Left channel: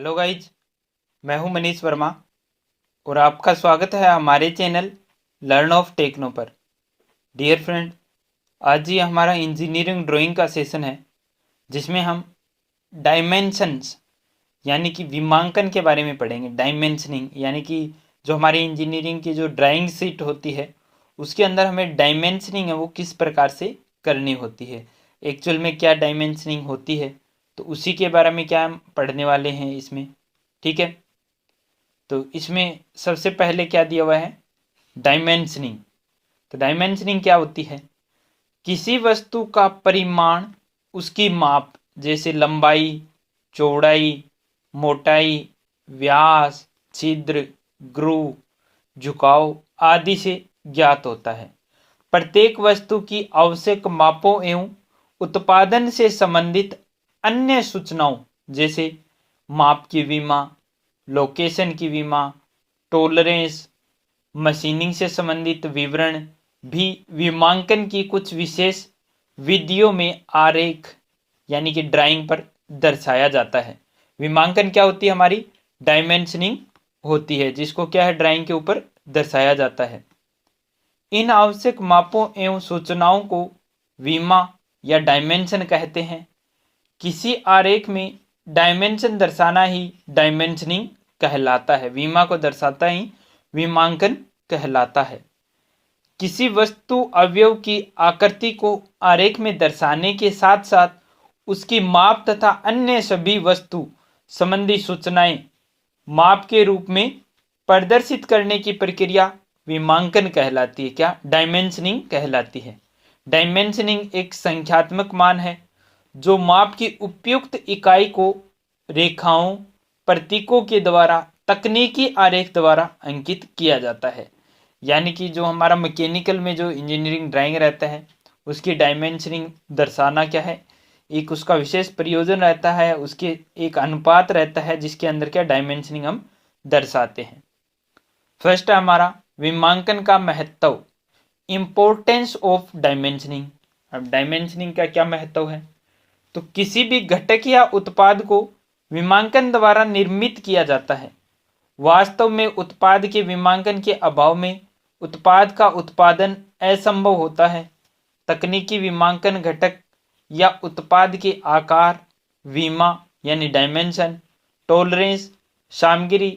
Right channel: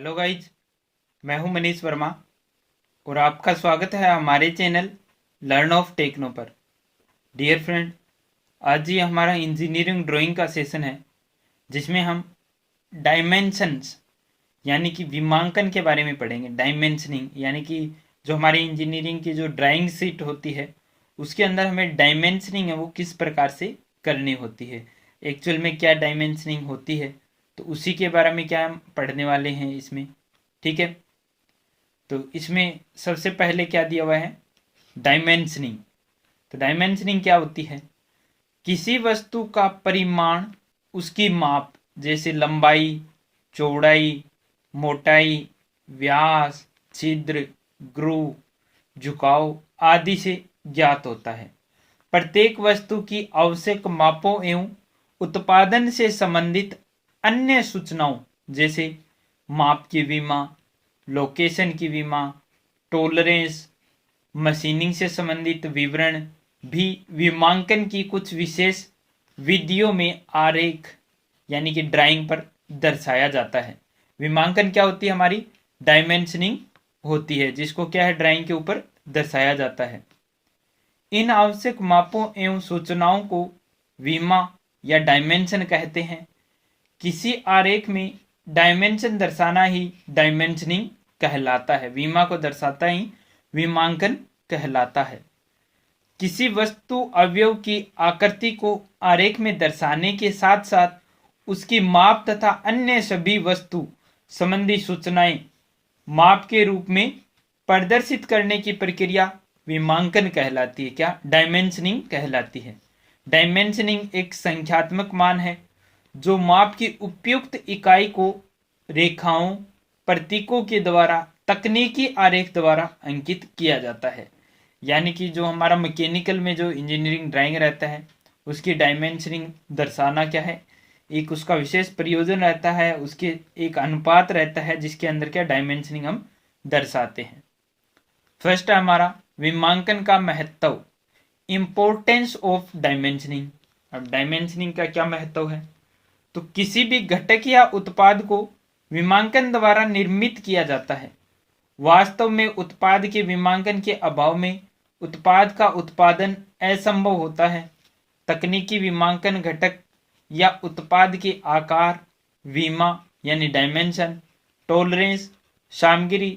Hello guys, मैं हूं मनीष वर्मा और आपका स्वागत है हमारे चैनल लर्न ऑफ टेक्नो पर। डियर फ्रेंड, आज ये हमारा इंजीनियरिंग ड्राइंग का सेशन है जिसमें हम डायमेंशंस यानी कि विमांकन के बारे में पढ़ेंगे। डायमेंशनिंग यानी कि जो हमारी इंजीनियरिंग की जो ड्राइंग शीट होती है उसके अंदर हमें डायमेंशनिंग है वो किस प्रकार से करनी होती है, एक्चुअल में क्या डायमेंशनिंग होती है, तो उसी के बारे में क्या हम पढ़ने वाले हैं इसमें। ठीक है, तो इसमें सबसे पहले क्या दिया हुआ है, डायमेंशनिंग। तो डायमेंशनिंग क्या होती है, किसी वस्तु का परिमाण, उसकी माप, जैसे लंबाई, चौड़ाई, मोटाई, व्यास, छिद्र, ग्रूव, झुकाव आदि से ज्ञात होता है। प्रत्येक वस्तु की आवश्यक मापों एवं उत्पादन से संबंधित अन्य सूचनाओं जैसे माप की विमा, लोकेशन की विमा, टोलरेंस, मशीनिंग से संबंधित विवरण भी विमांकन की कुछ विशेष विधियों में आरेख यानी कि ड्राइंग पर दर्शाया जाता है। विमांकन क्या होती है, हमारी डायमेंशनिंग होती है, जिसको क्या है ड्राइंग के ऊपर दर्शाया जाता है। इन आवश्यक मापों एवं सूचनाओं को विमा या डायमेंशन कहते हैं। किसी आरेख में डायमेंशन दर्शाना ही डायमेंशनिंग कहलाता है, विमा को दर्शाता ही विमांकन कहलाता है। किसी वस्तु अवयव की आकृति को आरेख में दर्शाने के साथ साथ उसकी माप तथा अन्य सभी वस्तु संबंधी सूचनाएं माप के रूप में प्रदर्शित करने की प्रक्रिया विमांकन कहलाती है। क्या, डायमेंशनिंग कहलाती है। डायमेंशनिंग एक संख्यात्मक मान है जो माप की उपयुक्त इकाई को रेखाओं, प्रतीकों के द्वारा तकनीकी आरेख द्वारा अंकित किया जाता है। यानी कि जो हमारा मैकेनिकल में जो इंजीनियरिंग ड्राइंग रहता है उसकी डायमेंशनिंग दर्शाना क्या है, एक उसका विशेष प्रयोजन रहता है, उसके एक अनुपात रहता है जिसके अंदर क्या डायमेंशनिंग हम दर्शाते हैं। फर्स्ट है हमारा विमांकन का महत्व, इंपोर्टेंस ऑफ डायमेंशनिंग। अब डायमेंशनिंग का क्या महत्व है, तो किसी भी घटक या उत्पाद को विमांकन द्वारा निर्मित किया जाता है। वास्तव में उत्पाद के विमांकन के अभाव में उत्पाद का उत्पादन असंभव होता है। तकनीकी विमांकन घटक या उत्पाद के आकार, विमा यानी डायमेंशन, टॉलरेंस, सामग्री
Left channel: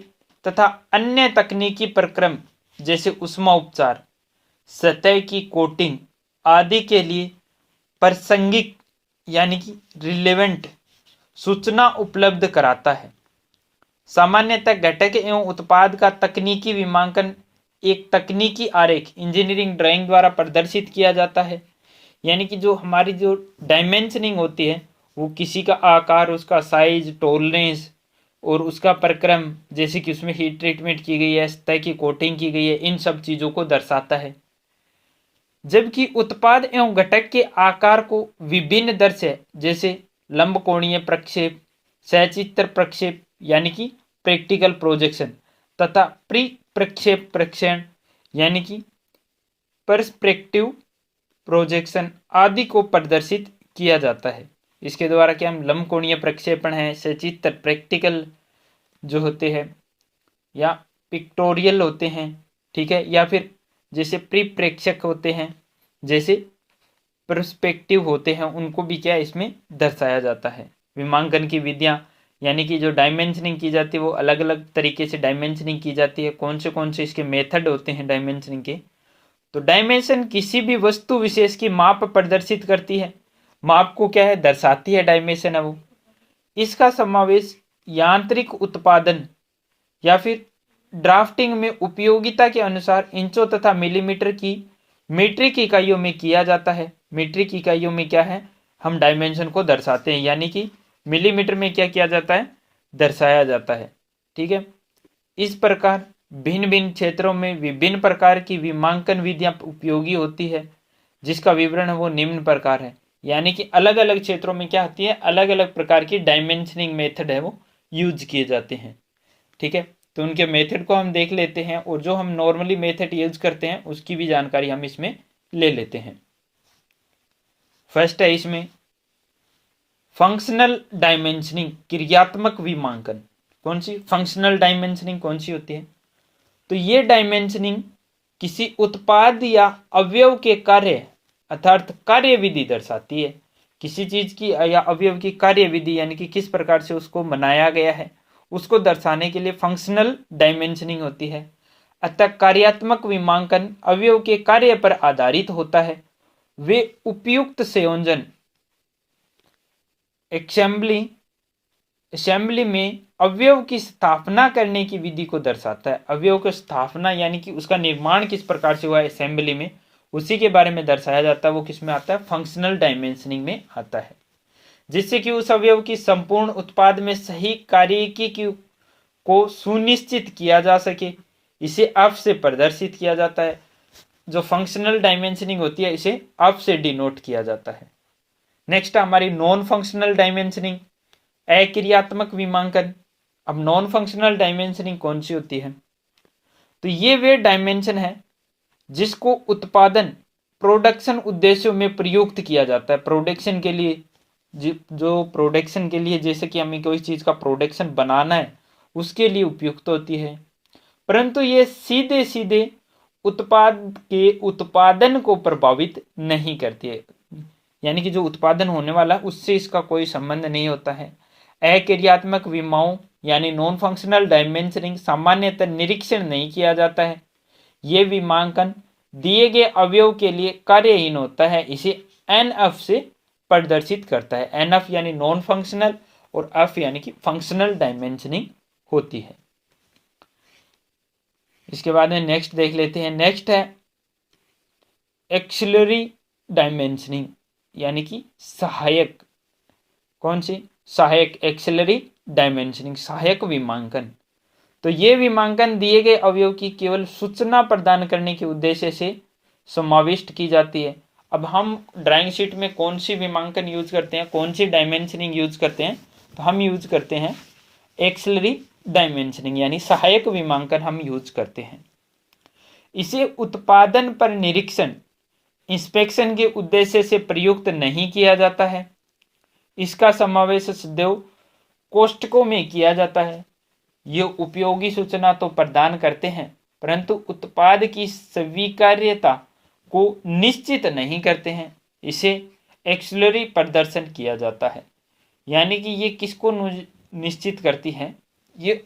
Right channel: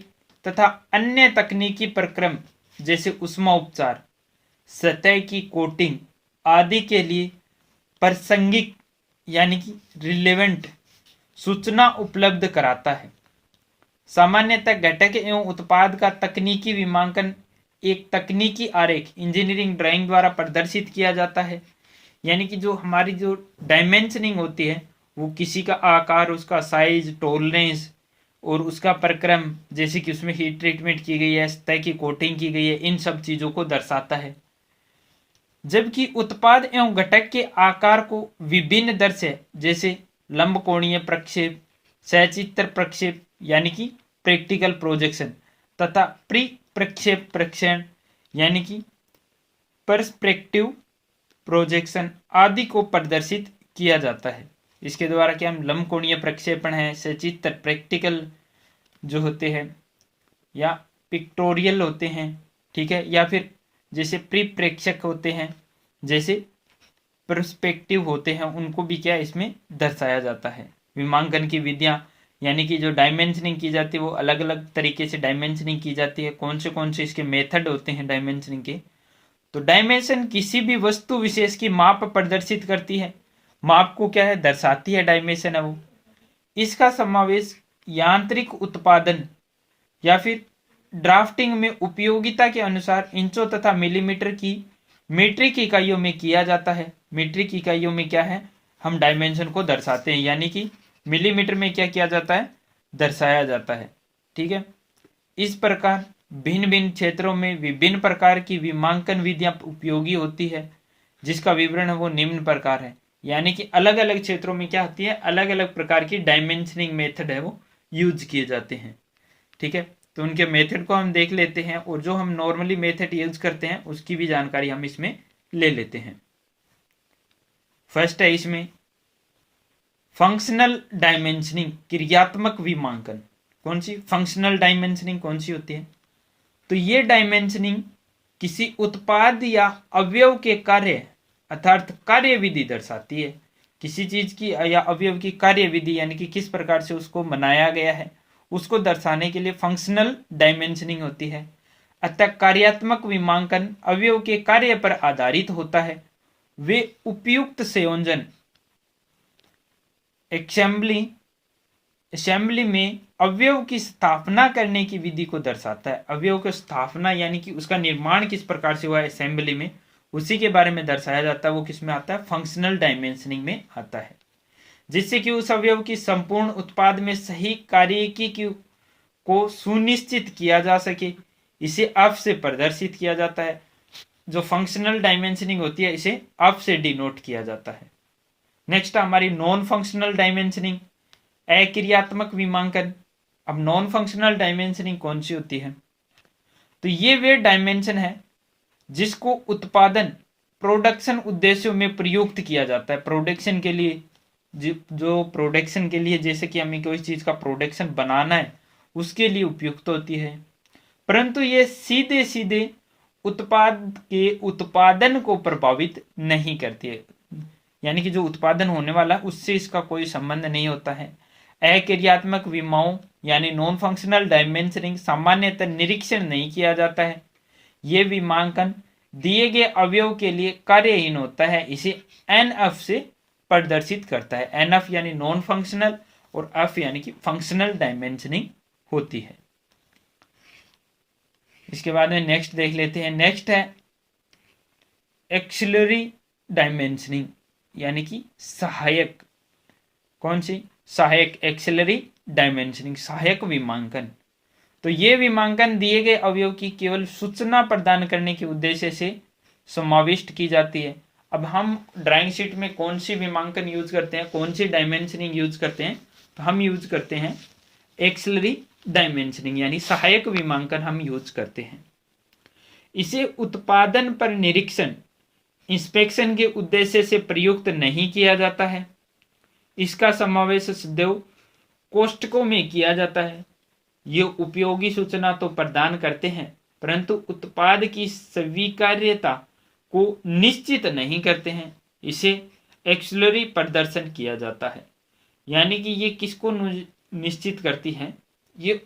तथा अन्य तकनीकी प्रक्रम जैसे ऊष्मा उपचार, सतह की कोटिंग आदि के लिए प्रासंगिक यानी कि रिलेवेंट सूचना उपलब्ध कराता है। सामान्यतः घटक एवं उत्पाद का तकनीकी विमांकन एक तकनीकी आरेख इंजीनियरिंग ड्राइंग द्वारा प्रदर्शित किया जाता है। यानी कि जो हमारी जो डायमेंशनिंग होती है वो किसी का आकार, उसका साइज, टॉलरेंस और उसका प्रक्रम, जैसे कि उसमें हीट ट्रीटमेंट की गई है, सतह की कोटिंग की गई है, इन सब चीज़ों को दर्शाता है। जबकि उत्पाद एवं घटक के आकार को विभिन्न दर से जैसे लंबकोणीय प्रक्षेप, सचित्र प्रक्षेप यानी कि प्रैक्टिकल प्रोजेक्शन तथा प्री प्रक्षेप प्रक्षेपण यानी कि पर्सपेक्टिव प्रोजेक्शन आदि को प्रदर्शित किया जाता है। इसके द्वारा क्या हम लंबकोणीय प्रक्षेपण है, सचित्र प्रैक्टिकल जो होते हैं या पिक्टोरियल होते हैं, ठीक है, या फिर जैसे प्रेक्षक होते हैं, जैसे पर्सपेक्टिव होते हैं, उनको भी क्या इसमें दर्शाया जाता है। विमांकन की विधियां यानी कि जो डायमेंशनिंग की जाती है वो अलग अलग तरीके से डायमेंशनिंग की जाती है। कौन से इसके मेथड होते हैं डायमेंशनिंग के, तो डायमेंशन किसी भी वस्तु विशेष की माप प्रदर्शित करती है, माप को क्या है दर्शाती है, डायमेंशन है वो। इसका समावेश यांत्रिक उत्पादन या फिर ड्राफ्टिंग में उपयोगिता के अनुसार इंचों तथा मिलीमीटर की मीट्रिक इकाइयों में किया जाता है। मीट्रिक इकाइयों में क्या है, हम डायमेंशन को दर्शाते हैं, यानी कि मिलीमीटर में क्या किया जाता है, दर्शाया जाता है। ठीक है, इस प्रकार भिन्न भिन्न क्षेत्रों में विभिन्न प्रकार की विमांकन विधियां उपयोगी होती है, जिसका विवरण है वो निम्न प्रकार है। यानी कि अलग अलग क्षेत्रों में क्या होती है, अलग अलग प्रकार की डायमेंशनिंग मेथड है वो यूज किए जाते हैं। ठीक है, तो उनके मेथड को हम देख लेते हैं और जो हम नॉर्मली मेथड यूज करते हैं उसकी भी जानकारी हम इसमें ले लेते हैं। फर्स्ट है इसमें फंक्शनल डायमेंशनिंग, क्रियात्मक विमांकन। कौन सी? फंक्शनल डायमेंशनिंग कौन सी होती है? तो ये डायमेंशनिंग किसी उत्पाद या अवयव के कार्य अर्थात कार्य विधि दर्शाती है। किसी चीज की या अवयव की कार्य विधि यानी कि किस प्रकार से उसको बनाया गया है उसको दर्शाने के लिए फंक्शनल डायमेंशनिंग होती है। अतः कार्यात्मक विमांकन अवयव के कार्य पर आधारित होता है। वे उपयुक्त संयोजन असेंबली में अवयव की स्थापना करने की विधि को दर्शाता है। अवयव की स्थापना यानी कि उसका निर्माण किस प्रकार से हुआ है असेंबली में, उसी के बारे में दर्शाया जाता है। वो किस में आता है? फंक्शनल डायमेंशनिंग में आता है। जिससे कि उस अवयव की संपूर्ण उत्पाद में सही कार्यकी को सुनिश्चित किया जा सके, इसे अफ से प्रदर्शित किया जाता है। जो फंक्शनल डायमेंशनिंग होती है इसे अफ से डिनोट किया जाता है। नेक्स्ट हमारी नॉन फंक्शनल डायमेंशनिंग, अक्रियात्मक विमांकन। अब नॉन फंक्शनल डायमेंशनिंग कौन सी होती है? तो ये वे डायमेंशन है जिसको उत्पादन प्रोडक्शन उद्देश्यों में प्रयुक्त किया जाता है। प्रोडक्शन के लिए जो प्रोडक्शन के लिए जैसे कि हमें कोई चीज का प्रोडक्शन बनाना है उसके लिए उपयुक्त होती है, परंतु ये सीधे सीधे उत्पाद के उत्पादन को प्रभावित नहीं करती है। यानी कि जो उत्पादन होने वाला है उससे इसका कोई संबंध नहीं होता है। अक्रियात्मक विमाओं यानी नॉन फंक्शनल डायमेंशनिंग सामान्यतः निरीक्षण नहीं किया जाता है। ये विमांकन दिए गए अवयव के लिए कार्यहीन होता है, इसे एनएफ से प्रदर्शित करता है। एनएफ यानी नॉन फंक्शनल और एफ यानी कि फंक्शनल डायमेंशनिंग होती है। इसके बाद में नेक्स्ट देख लेते हैं। नेक्स्ट है एक्सिलरी डायमेंशनिंग यानी कि सहायक। कौन सी? सहायक एक्सिलरी डायमेंशनिंग, सहायक विमांकन। तो ये विमांकन दिए गए अवयव की केवल सूचना प्रदान करने के उद्देश्य से समाविष्ट की जाती है। अब हम ड्राइंग शीट में कौन सी विमांकन यूज करते हैं, कौन सी डायमेंशनिंग यूज करते हैं? तो हम यूज करते हैं एक्सिलरी डायमेंशनिंग यानी सहायक विमांकन हम यूज करते हैं। इसे उत्पादन पर निरीक्षण इंस्पेक्शन के उद्देश्य से प्रयुक्त नहीं किया जाता है। इसका समावेश सदैव कोष्ठकों में किया जाता है। ये उपयोगी सूचना तो प्रदान करते हैं परंतु उत्पाद की स्वीकार्यता को निश्चित नहीं करते हैं। इसे एक्सिलरी प्रदर्शन किया जाता है। यानी कि ये किसको निश्चित करती है? ये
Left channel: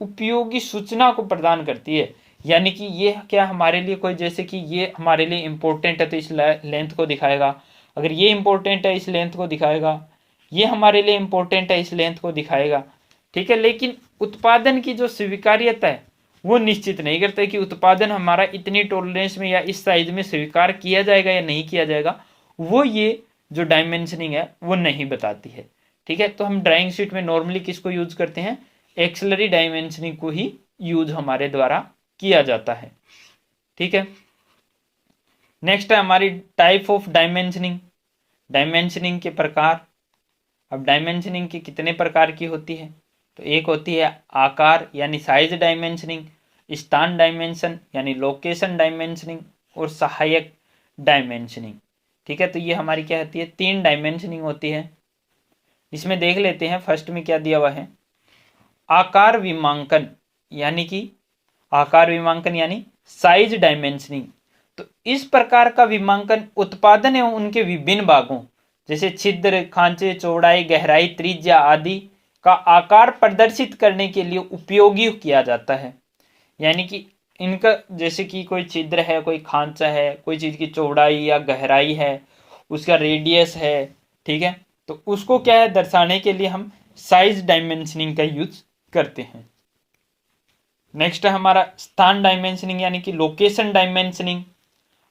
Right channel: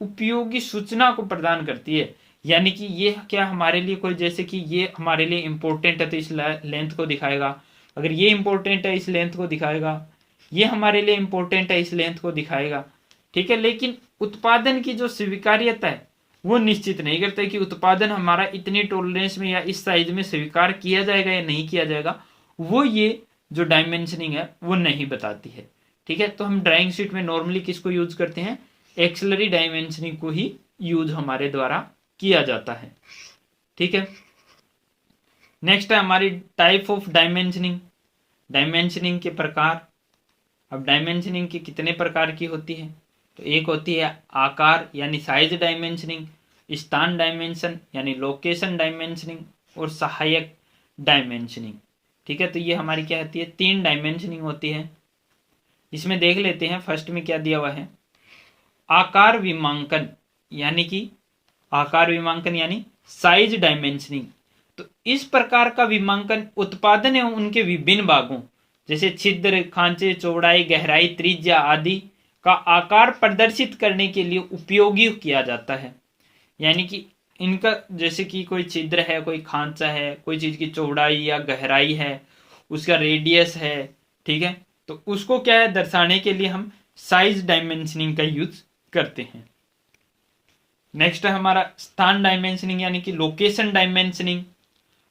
उपयोगी सूचना को प्रदान करती है। यानी कि ये क्या हमारे लिए कोई, जैसे कि ये हमारे लिए इंपॉर्टेंट है तो इस लेंथ को दिखाएगा, अगर ये इंपॉर्टेंट है इस लेंथ को दिखाएगा, ये हमारे लिए इंपॉर्टेंट है इस लेंथ को दिखाएगा। ठीक है, लेकिन उत्पादन की जो स्वीकार्यता है वो निश्चित नहीं करता कि उत्पादन हमारा इतनी टॉलरेंस में या इस साइज में स्वीकार किया जाएगा या नहीं किया जाएगा। वो ये जो डायमेंशनिंग है वो नहीं बताती है। ठीक है, तो हम ड्राइंग शीट में नॉर्मली किसको यूज करते हैं? एक्सिलरी डायमेंशनिंग को ही यूज हमारे द्वारा किया जाता है। ठीक है, नेक्स्ट है हमारी टाइप ऑफ डायमेंशनिंग, डायमेंशनिंग के प्रकार। अब डायमेंशनिंग की कितने प्रकार की होती है? तो एक होती है आकार यानी साइज डायमेंशनिंग, स्थान डायमेंशन यानी लोकेशन डायमेंशनिंग और सहायक डायमेंशनिंग। ठीक है, तो ये हमारी क्या होती है? 3 डायमेंशनिंग होती है। इसमें देख लेते हैं फर्स्ट में क्या दिया हुआ है। आकार विमांकन यानी कि आकार विमांकन यानी साइज डायमेंशनिंग। तो इस प्रकार का विमांकन उत्पादन एवं उनके विभिन्न भागों जैसे छिद्र, खांचे, चौड़ाई, गहराई, त्रिज्या आदि का आकार प्रदर्शित करने के लिए उपयोगी किया जाता है। यानी कि इनका जैसे कि कोई छिद्र है, कोई खांचा है, कोई चीज की चौड़ाई या गहराई है, उसका रेडियस है, ठीक है, तो उसको क्या है दर्शाने के लिए हम साइज डायमेंशनिंग का यूज करते हैं। नेक्स्ट है हमारा स्थान डायमेंशनिंग यानी कि लोकेशन डायमेंशनिंग।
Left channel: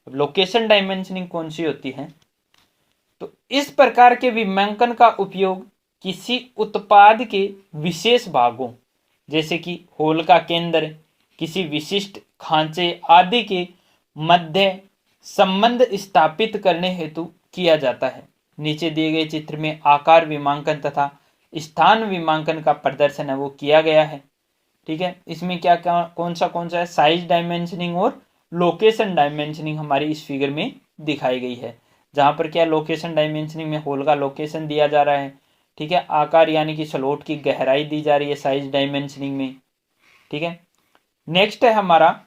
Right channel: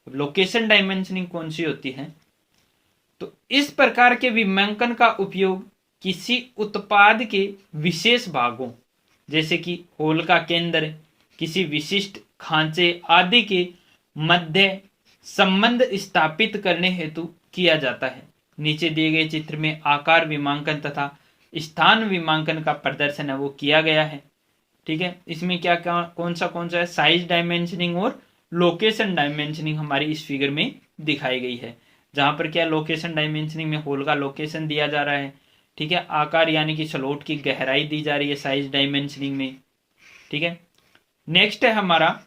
लोकेशन डायमेंशनिंग कौन सी होती है? तो इस प्रकार के विमांकन का उपयोग किसी उत्पाद के विशेष भागों जैसे कि होल का केंद्र, किसी विशिष्ट खांचे आदि के मध्य संबंध स्थापित करने हेतु किया जाता है। नीचे दिए गए चित्र में आकार विमांकन तथा स्थान विमांकन का प्रदर्शन है वो किया गया है। ठीक है, इसमें क्या कौन सा है? साइज डायमेंशनिंग और लोकेशन डायमेंशनिंग हमारी इस फिगर में दिखाई गई है। जहां पर क्या लोकेशन डायमेंशनिंग में होल का लोकेशन दिया जा रहा है, ठीक है, आकार यानी कि स्लॉट की गहराई दी जा रही है साइज डायमेंशनिंग में। ठीक है, नेक्स्ट है हमारा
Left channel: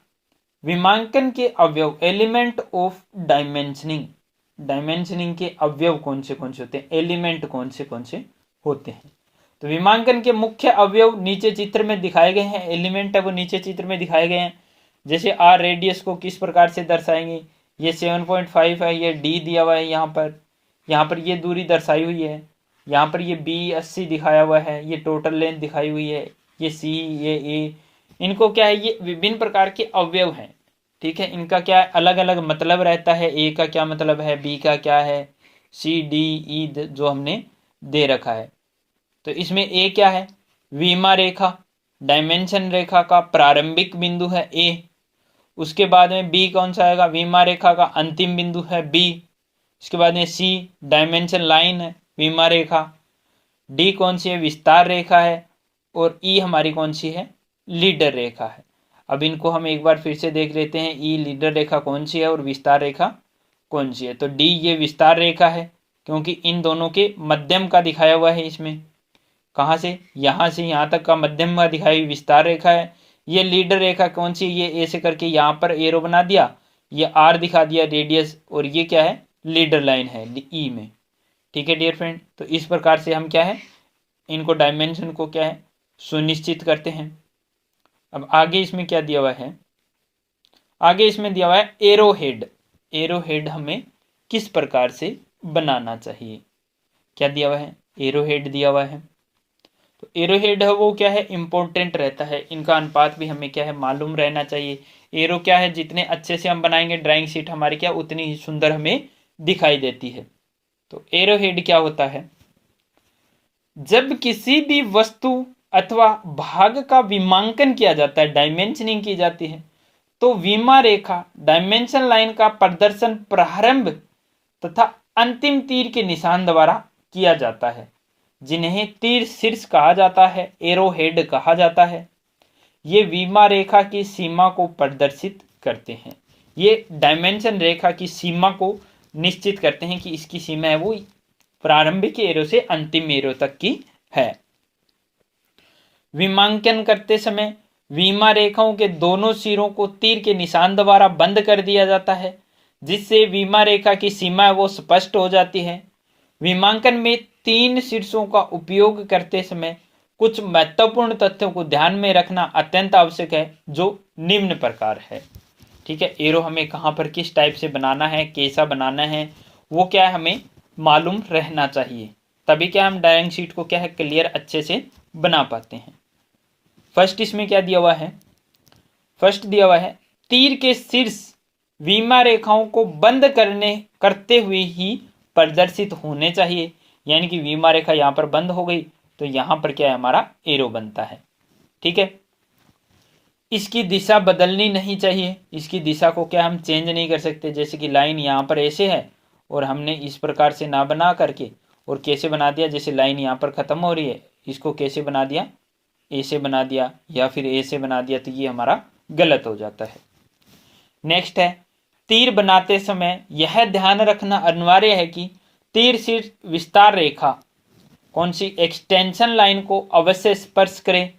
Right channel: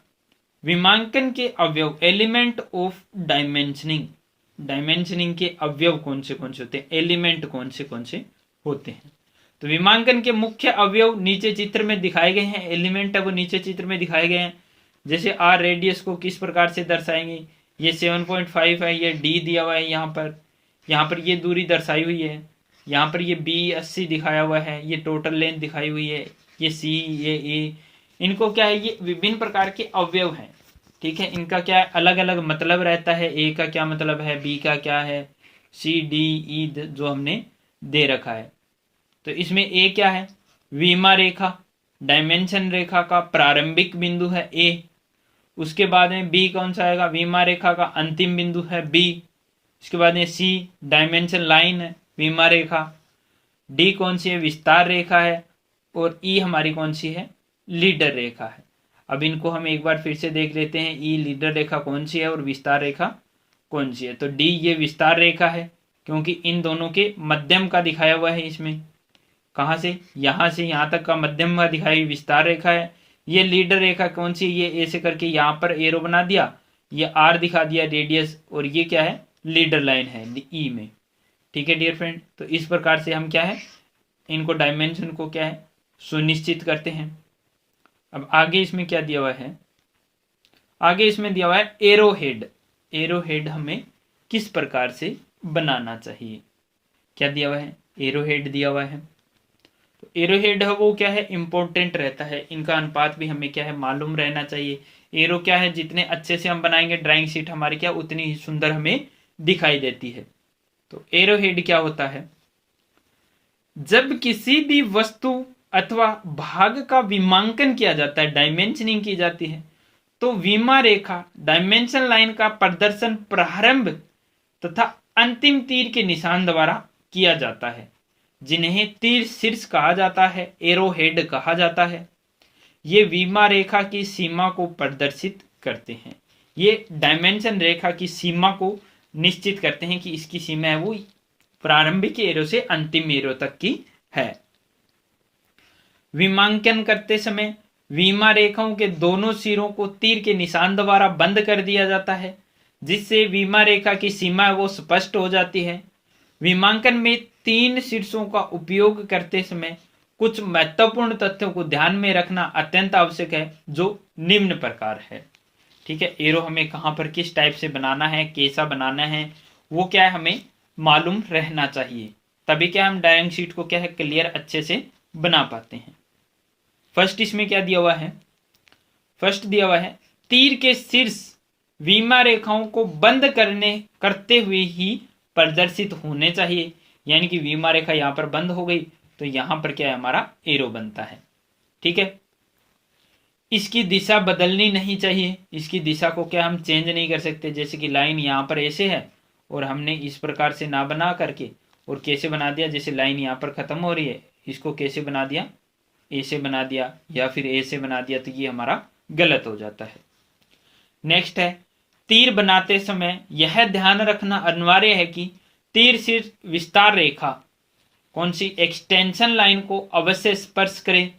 विमांकन के अवयव, एलिमेंट ऑफ डायमेंशनिंग। डायमेंशनिंग के अवयव कौन से होते हैं, एलिमेंट कौन से होते हैं। तो विमांकन के मुख्य अवयव नीचे चित्र में दिखाए गए हैं, एलिमेंट है वो नीचे चित्र में दिखाए गए हैं। जैसे आर रेडियस को किस प्रकार से दर्शाएंगे, ये 7.5 है, ये डी दिया हुआ है यहाँ पर ये दूरी दर्शाई हुई है, यहाँ पर ये बी 80 दिखाया हुआ है, ये टोटल लेंथ दिखाई हुई है, ये सी, ये ए, इनको क्या है, ये विभिन्न प्रकार के अवयव हैं। ठीक है, इनका क्या अलग अलग मतलब रहता है, ए का क्या मतलब है, बी का क्या है, सी डी ई जो हमने दे रखा है। तो इसमें ए क्या है, विमा रेखा, डायमेंशन रेखा का प्रारंभिक बिंदु है ए। उसके बाद में बी कौन सा आएगा, विमा रेखा का अंतिम बिंदु है बी। उसके बाद में सी डायमेंशन लाइन है, विमा रेखा। डी कौन सी है, विस्तार रेखा है। और ई हमारी कौन सी है, लीडर रेखा है। अब इनको हम एक बार फिर से देख लेते हैं, ई लीडर रेखा कौन सी है और विस्तार रेखा कौन सी है। तो डी ये विस्तार रेखा है, क्योंकि इन दोनों के मध्यम का दिखाया हुआ है इसमें, कहाँ से यहाँ तक का मध्यम का दिखाई हुई विस्तार रेखा है। ये लीडर रेखा कौन सी, ये ऐसे करके यहाँ पर एरो बना दिया, ये आर दिखा दिया रेडियस, और ये क्या है, लीडर लाइन है ई में। ठीक है डियर फ्रेंड, तो इस प्रकार से हम क्या है, इनको डायमेंशन को क्या है, सुनिश्चित करते हैं। अब आगे इसमें क्या दिया हुआ है, आगे इसमें दिया हुआ है एरो हेड। एरो हेड हमें किस प्रकार से बनाना चाहिए, क्या दिया हुआ है, एरो हेड दिया हुआ है। तो एरो हेड है वो क्या है, इंपॉर्टेंट रहता है, इनका अनुपात भी हमें क्या है मालूम रहना चाहिए। एरो क्या है, जितने अच्छे से हम बनाएंगे ड्राइंग शीट हमारी क्या उतनी ही सुंदर हमें दिखाई देती है। तो एरो हेड क्या होता है, जब किसी भी वस्तु अथवा भाग का विमांकन किया जाता है, डायमेंशनिंग की जाती है, तो विमा रेखा डायमेंशन लाइन का प्रदर्शन प्रारंभ तथा अंतिम तीर के निशान द्वारा किया जाता है, जिन्हें तीर शीर्ष कहा जाता है, एरो हेड कहा जाता है। ये विमा रेखा की सीमा को प्रदर्शित करते हैं, ये डायमेंशन रेखा की सीमा को निश्चित करते हैं कि इसकी सीमा है वो प्रारंभिक एरो से अंतिम एरो तक की है। विमांकन करते समय विमा रेखाओं के दोनों सिरों को तीर के निशान द्वारा बंद कर दिया जाता है, जिससे विमा रेखा की सीमा वो स्पष्ट हो जाती है। विमांकन में 3 शीर्षों का उपयोग करते समय कुछ महत्वपूर्ण तथ्यों को ध्यान में रखना अत्यंत आवश्यक है, जो निम्न प्रकार है। ठीक है, एरो हमें कहाँ पर किस टाइप से बनाना है, कैसा बनाना है, वो क्या है हमें मालूम रहना चाहिए, तभी क्या हम ड्राइंग शीट को क्या है क्लियर अच्छे से बना पाते हैं। फर्स्ट इसमें क्या दिया हुआ है, फर्स्ट दिया हुआ है तीर के शीर्ष विमा रेखाओं को बंद करते हुए ही प्रदर्शित होने चाहिए, यानी कि विमा रेखा यहाँ पर बंद हो गई तो यहाँ पर क्या है हमारा एरो बनता है। ठीक है, इसकी दिशा बदलनी नहीं चाहिए, इसकी दिशा को क्या हम चेंज नहीं कर सकते, जैसे कि लाइन यहाँ पर ऐसे है और हमने इस प्रकार से ना बना करके और कैसे बना दिया, जैसे लाइन यहाँ पर खत्म हो रही है, इसको कैसे बना दिया, ऐसे बना दिया या फिर ऐसे बना दिया, तो ये हमारा गलत हो जाता है। नेक्स्ट है तीर बनाते समय यह ध्यान रखना अनिवार्य है कि तीर सिर्फ विस्तार रेखा कौन सी, एक्सटेंशन लाइन को अवश्य स्पर्श करे।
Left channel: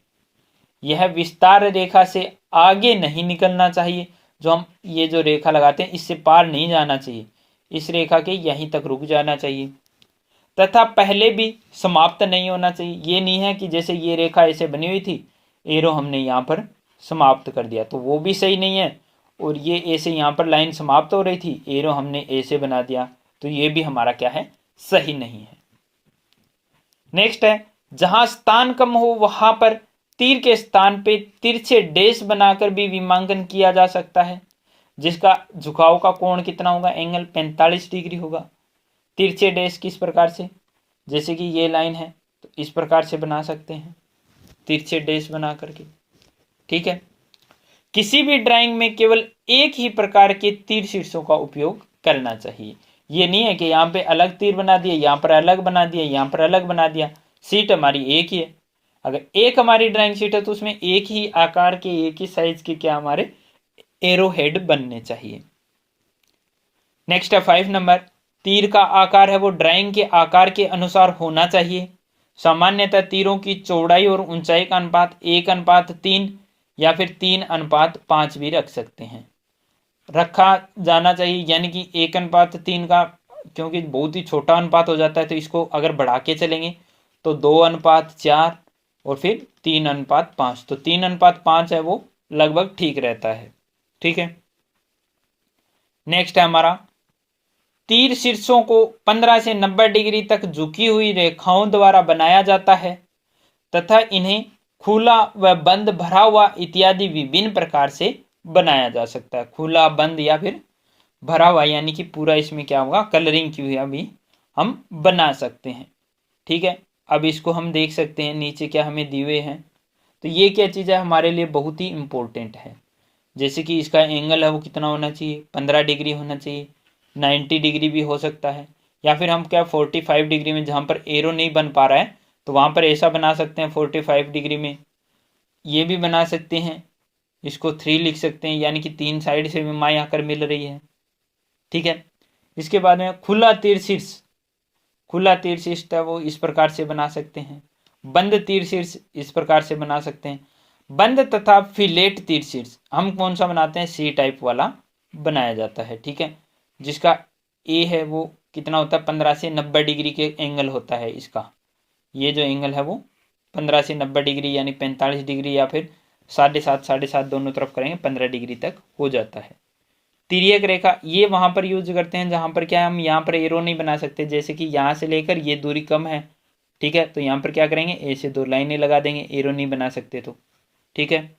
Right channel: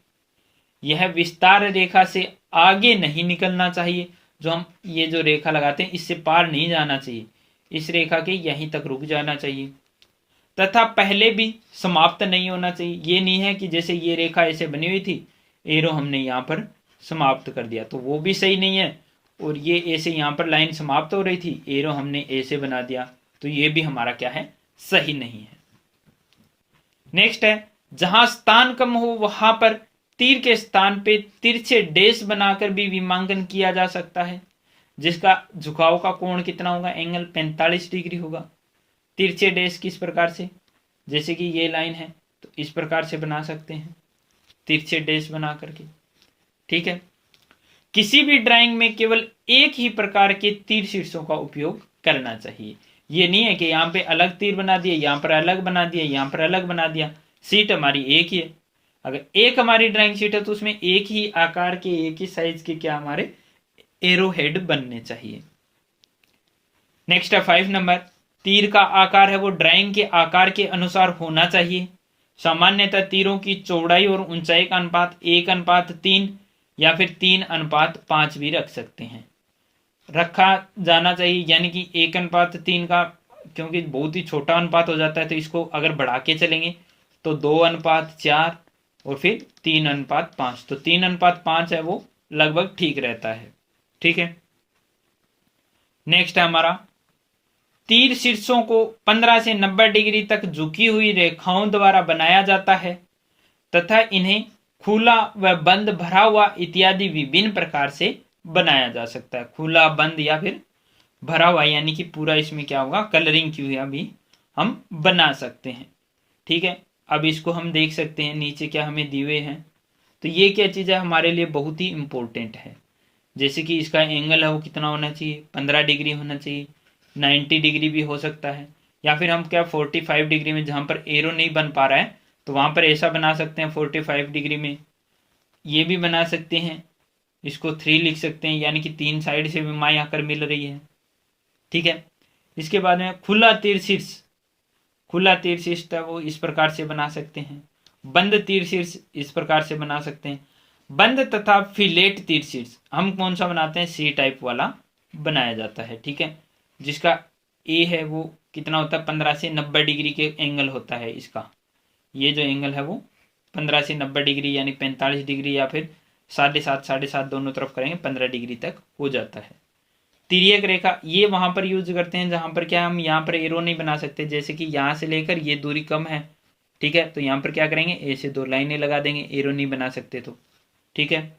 यह विस्तार रेखा से आगे नहीं निकलना चाहिए, जो हम ये जो रेखा लगाते हैं इससे पार नहीं जाना चाहिए, इस रेखा के यहीं तक रुक जाना चाहिए, तथा पहले भी समाप्त नहीं होना चाहिए। ये नहीं है कि जैसे ये रेखा ऐसे बनी हुई थी, एरो हमने यहाँ पर समाप्त कर दिया, तो वो भी सही नहीं है, और ये ऐसे यहाँ पर लाइन समाप्त हो रही थी, एरो हमने ऐसे बना दिया, तो ये भी हमारा क्या है सही नहीं है। नेक्स्ट है जहां स्थान कम हो वहां पर तीर के स्थान पे तिरछे डैश बनाकर भी विमांकन किया जा सकता है, जिसका झुकाव का कोण कितना होगा, एंगल 45 डिग्री होगा। तिरछे डैश किस प्रकार से, जैसे कि ये लाइन है तो इस प्रकार से बना सकते हैं तिरछे डैश बना करके। ठीक है, किसी भी ड्राइंग में केवल एक ही प्रकार के तीर शीर्षों का उपयोग करना चाहिए, ये नहीं है कि यहाँ पे अलग तीर बना दिए, यहाँ पर अलग बना दिया, यहाँ पर अलग बना दिया। शीट हमारी एक ही है, अगर एक हमारी ड्राइंग शीट है तो उसमें एक ही आकार के एक ही साइज के क्या हमारे एरो हेड बनने चाहिए। नेक्स्ट है 5 नंबर, तीर का आकार है वो ड्राइंग के आकार के अनुसार होना चाहिए। सामान्यतः तीरों की चौड़ाई और ऊंचाई का अनुपात 1:3 या फिर 3:5 भी रख सकते हैं, रखा जाना चाहिए। यानी कि 1:3 का, क्योंकि बहुत ही छोटा अनुपात हो जाता है, तो इसको अगर बढ़ा के चलेंगे तो 2:4 और फिर 3:5। तो 3:5 है वो लगभग ठीक रहता है। ठीक है, नेक्स्ट है हमारा, तीर शीर्षों को 15 से 90 डिग्री तक झुकी हुई रेखाओं द्वारा बनाया जाता है तथा इन्हें खुला व बंद, भरा हुआ इत्यादि विभिन्न प्रकार से बनाया जा सकता है। खुला, बंद या फिर भरा हुआ, यानी कि पूरा इसमें क्या होगा, कलरिंग की हुई भी हम बना सकते हैं। ठीक है, अब इसको हम देख सकते हैं नीचे क्या हमें दिए हुए हैं। तो ये क्या चीज़ है, हमारे लिए बहुत ही इंपॉर्टेंट है। जैसे कि इसका एंगल है वो कितना होना चाहिए, 15 डिग्री होना चाहिए, 90 डिग्री भी हो सकता है, या फिर हम क्या 45 डिग्री में, जहाँ पर एरो नहीं बन पा रहा है तो वहाँ पर ऐसा बना सकते हैं 45 डिग्री में। ये भी बना सकते हैं, इसको 3 लिख सकते हैं, यानी कि 3 साइड से विमाएँ आकर मिल रही है। ठीक है, इसके बाद में खुला तीर शीर्ष, खुला तीर शीर्ष था वो इस प्रकार से बना सकते हैं। बंद तीर शीर्ष इस प्रकार से बना सकते हैं। बंद तथा फिलेट तीर शीर्ष हम कौन सा बनाते हैं, सी टाइप वाला बनाया जाता है। ठीक है, जिसका ए है वो कितना होता है, 15 से 90 डिग्री के एंगल होता है इसका। ये जो एंगल है वो 15 से 90 डिग्री, यानी 45 डिग्री या फिर 7.5 दोनों तरफ करेंगे 15 डिग्री तक हो जाता है। तिर्यक रेखा ये वहां पर यूज करते हैं जहां पर क्या हम यहाँ पर एरो नहीं बना सकते, जैसे कि यहाँ से लेकर ये दूरी कम है। ठीक है, तो यहाँ पर क्या करेंगे, ए से 2 लाइनें लगा देंगे, एरो नहीं बना सकते तो। ठीक है,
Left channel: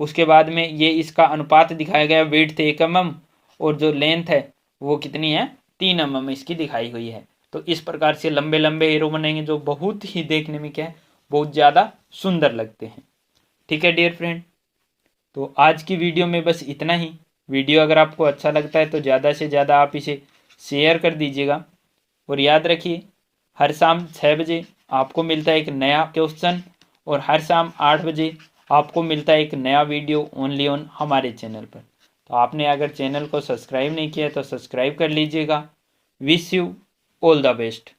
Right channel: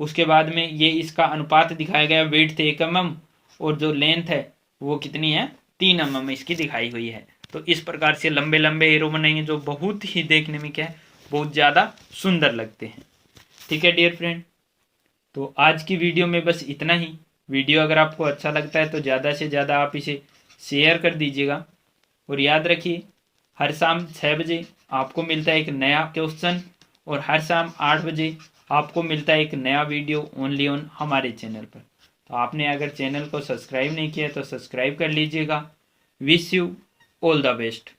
उसके बाद में ये इसका अनुपात दिखाया गया, वेट थे 1 mm और जो लेंथ है वो कितनी है, 3 mm इसकी दिखाई हुई है। तो इस प्रकार से लंबे लंबे एरो बनेंगे जो बहुत ही देखने में क्या है, बहुत ज़्यादा सुंदर लगते हैं। ठीक है डियर फ्रेंड, तो आज की वीडियो में बस इतना ही। वीडियो अगर आपको अच्छा लगता है तो ज़्यादा से ज़्यादा आप इसे शेयर कर दीजिएगा, और याद रखिए हर शाम 6 बजे आपको मिलता है एक नया क्वेश्चन, और हर शाम 8 बजे आपको मिलता है एक नया वीडियो ओनली ऑन हमारे चैनल पर। तो आपने अगर चैनल को सब्सक्राइब नहीं किया तो सब्सक्राइब कर लीजिएगा। Wish you all the best.